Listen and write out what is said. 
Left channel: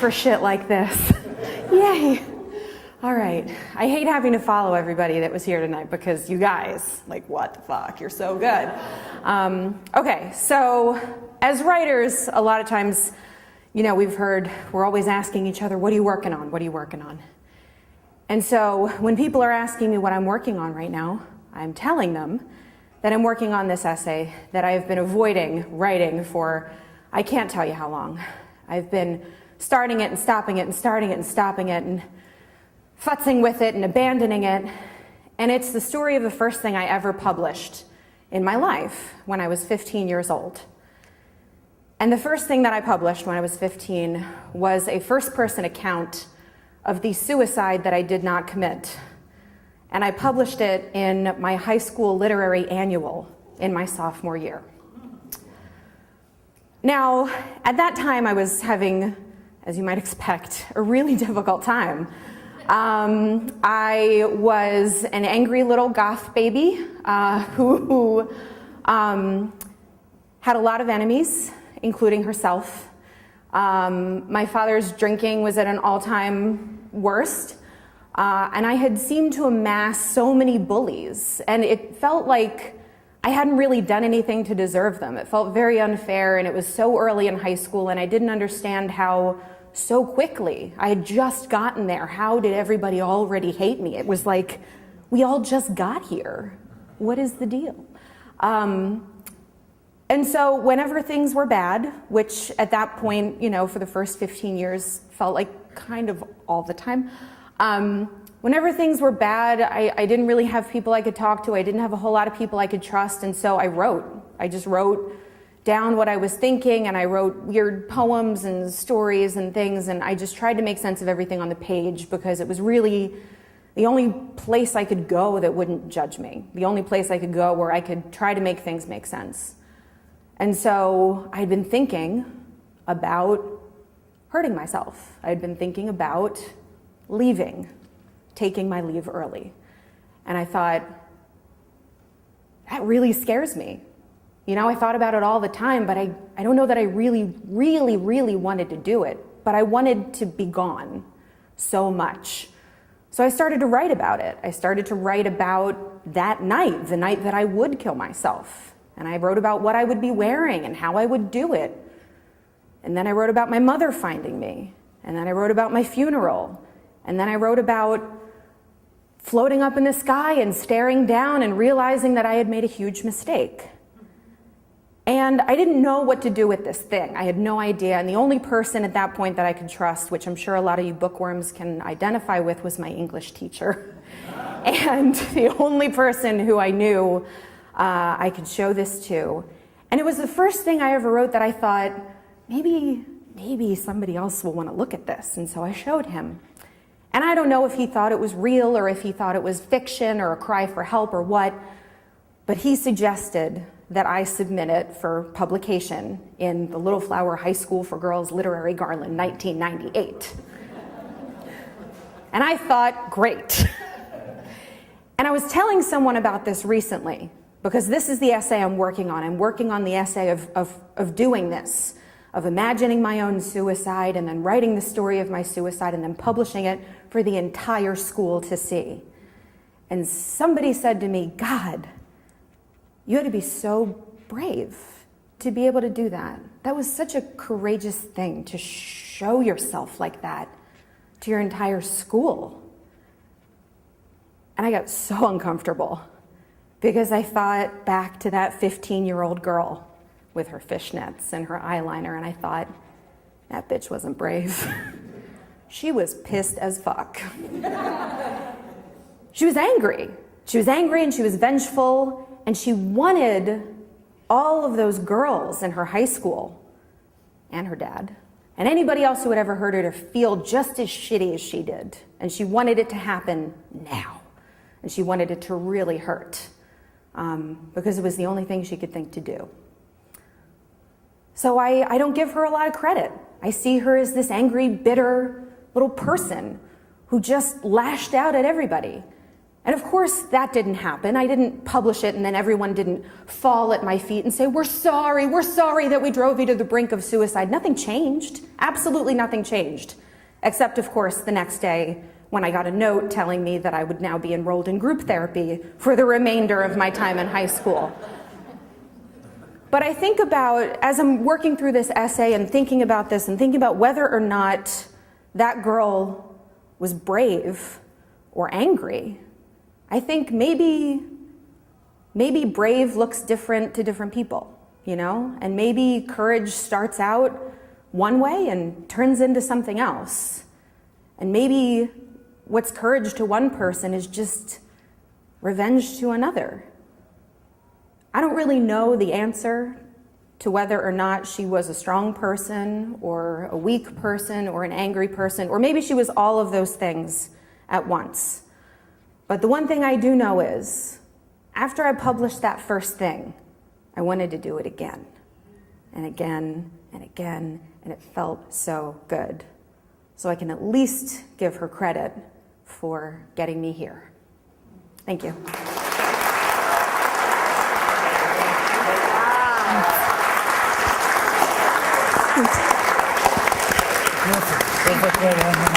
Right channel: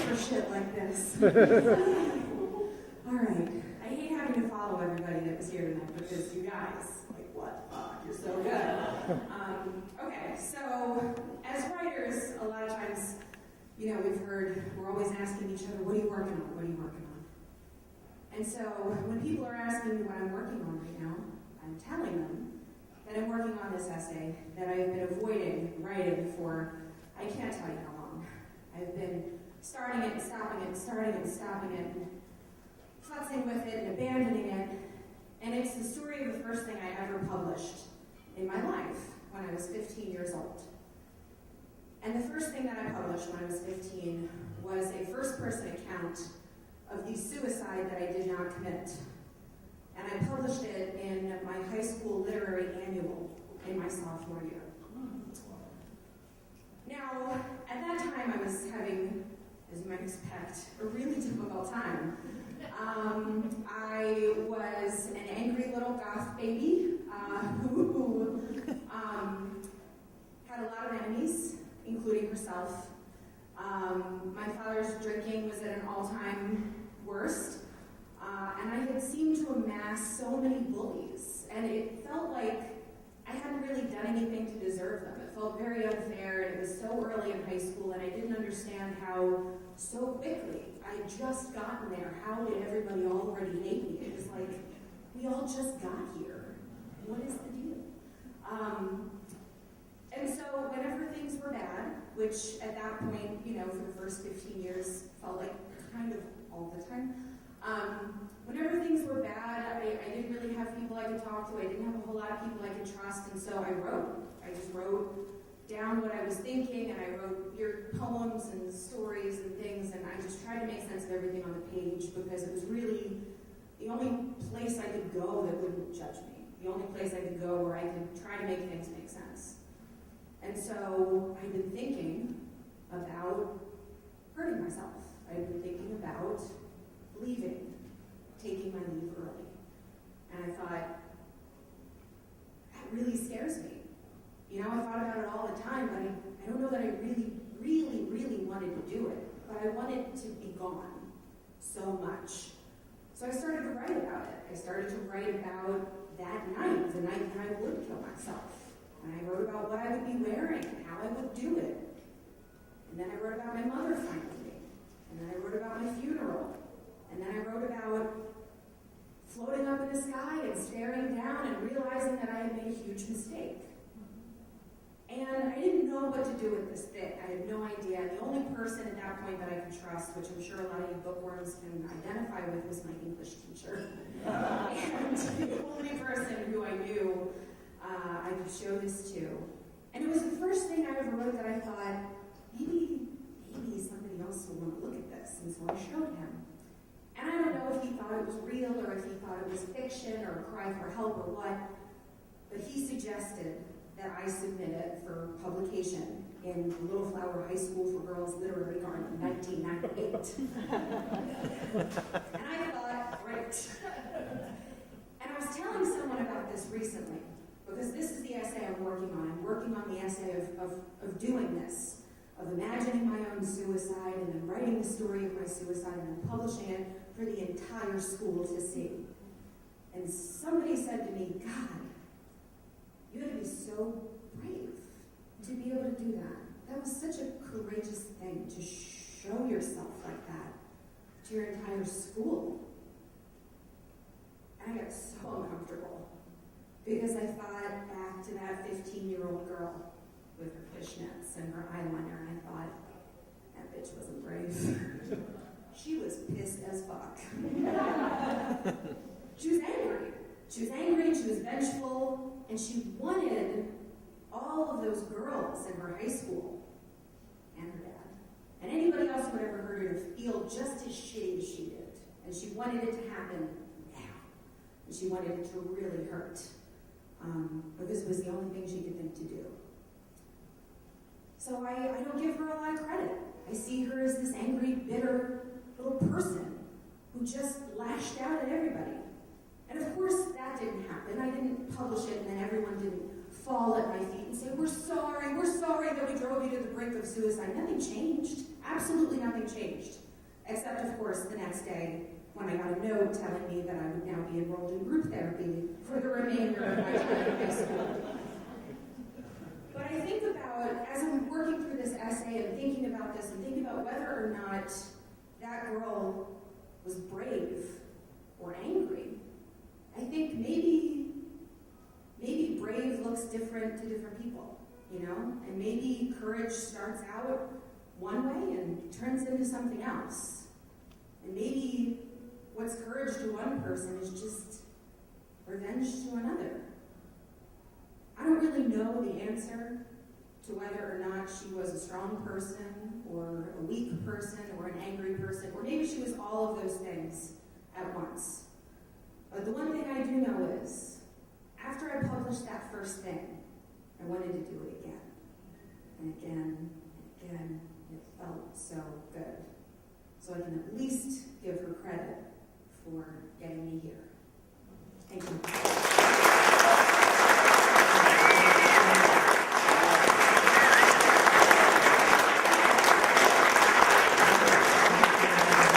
for shit like this. Yay. All right. I hate having to follow everybody that was here tonight because you guys, like, what the fuck? You're so good. Okay, so as writers, a lot of times, you know, we're always asking each other, what are you working on? What are you working on? And so when people are asking me what I'm working on right now, I'm telling them that I'm working on this essay that I've been avoiding writing for, I can't tell you how long. I've been starting it and stopping it and starting it and stopping it and futzing with it and abandoning it. And it's the story of the first thing I ever published in my life when I was 15 years old. And the first thing that I published when I was 15 was a first-person account of the suicide that I did not commit. And I published it in my high school literary annual in my sophomore year. Now, at that time I was having, as you might expect, a really difficult time. I was an angry little goth baby who had a lot of enemies, including herself. My father's drinking was at an all-time worst, and I had seemed to amass so many bullies, and it felt like I hadn't really done anything to deserve them. It felt very unfair, and it was so early in high school, and I didn't understand how so quickly I had just gotten there. How did everybody already hate me? It was like, we all just got here. What is the deal? And so whenever things were bad, which at that point, you know, for the first 15 years felt like kind of all the time, whenever things were bad, I didn't really have people I could talk to. I didn't have a whole lot of people I could trust, and so I wrote. I just wrote down what I was thinking, and I wrote weird poems and stories and things, and I just tried to make sense of everything on the page because it was really the only place I could go that wouldn't judge me, the only place I could go where I could try to make things make sense. And so I'd been thinking about hurting myself. I'd been thinking about leaving, taking my leave early. And I thought, that really scares me. You know, I thought about it all the time, but I don't know that I really wanted to do it. But I wanted to be gone so much. So I started to write about it. I started to write about that night, the night that I would kill myself. And I wrote about what I would be wearing and how I would do it. And then I wrote about my mother finding me. And then I wrote about my funeral. And then I wrote about floating up in the sky and staring down and realizing that I had made a huge mistake. And I didn't know what to do with this thing. I had no idea. And the only person at that point that I could trust, which I'm sure a lot of you bookworms can identify with, was my English teacher. And the only person who I knew I could show this to. And it was the first thing I ever wrote that I thought, maybe somebody else will want to look at this. And so I showed him. And I don't know if he thought it was real or if he thought it was fiction or a cry for help or what, but he suggested that I submit it for publication in the Little Flower High School for Girls Literary Garland, 1998. And I thought, great. And I was telling someone about this recently, because this is the essay I'm working on. I'm working on the essay of doing this, of imagining my own suicide and then writing the story of my suicide and then publishing it for the entire school to see. And somebody said to me, God, you had to be so brave to be able to do that. That was such a courageous thing to show yourself like that to your entire school. And I got so uncomfortable because I thought back to that 15-year-old girl with her fishnets and her eyeliner, and I thought, that bitch wasn't brave. She was pissed as fuck. She was angry. She was angry and she was vengeful, and she wanted all of those girls in her high school and her dad and anybody else who had ever heard her to feel just as shitty as she did. And she wanted it to happen now. And she wanted it to really hurt because it was the only thing she could think to do. So I don't give her a lot of credit. I see her as this angry, bitter little person who just lashed out at everybody. And of course, that didn't happen. I didn't publish it and then everyone didn't fall at my feet and say, we're sorry that we drove you to the brink of suicide. Nothing changed. Absolutely nothing changed. Except, of course, the next day when I got a note telling me that I would now be enrolled in group therapy for the remainder of my time in high school. But I think about, as I'm working through this essay and thinking about this and thinking about whether or not that girl was brave or angry, I think maybe brave looks different to different people, you know? And maybe courage starts out one way and turns into something else. And maybe what's courage to one person is just revenge to another. I don't really know the answer to whether or not she was a strong person or a weak person or an angry person, or maybe she was all of those things at once. But the one thing I do know is, after I published that first thing, I wanted to do it again and again and again, and it felt so good. So I can at least give her credit for getting me here. Thank you. Perfect.